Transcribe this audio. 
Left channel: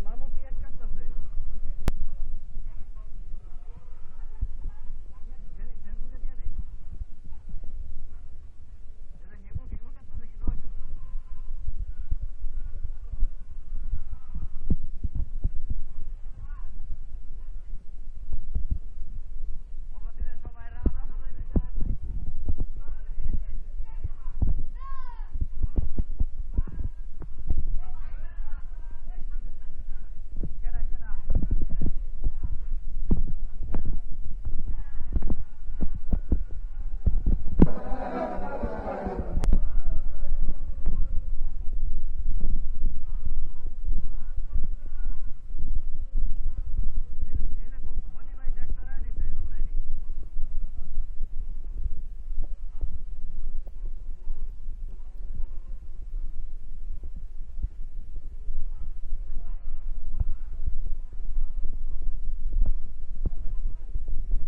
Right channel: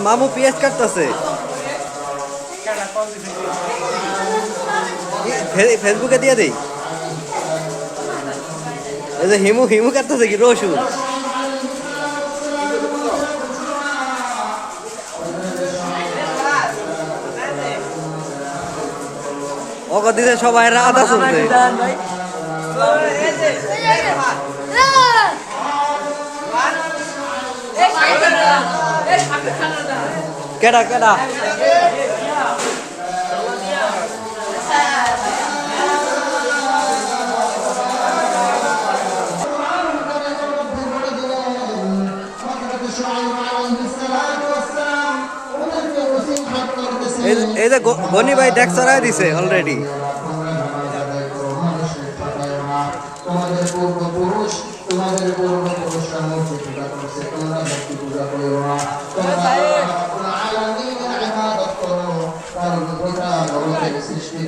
মামু পেঁয়াজ কাটতেছে ফেসবুকে দিয়ে দেই এই যে হিমু হিমু কাটতেছে কি রসুন ওকে দিতে সবাই রাত শুনছে কেডা কেডা এই যে গনি ভাই ট্যাক্স চড়াই দিছে অলরেডি তোমাদের পূর্বপুরুষ তোমাদের পূর্বপুরুষরা মূর্তি পূজা করছে তোমরা ভক্তি পূজা করো না তোমরা আলামিনের ইবাদত করো কারণ গোটা জগতের সৃষ্টি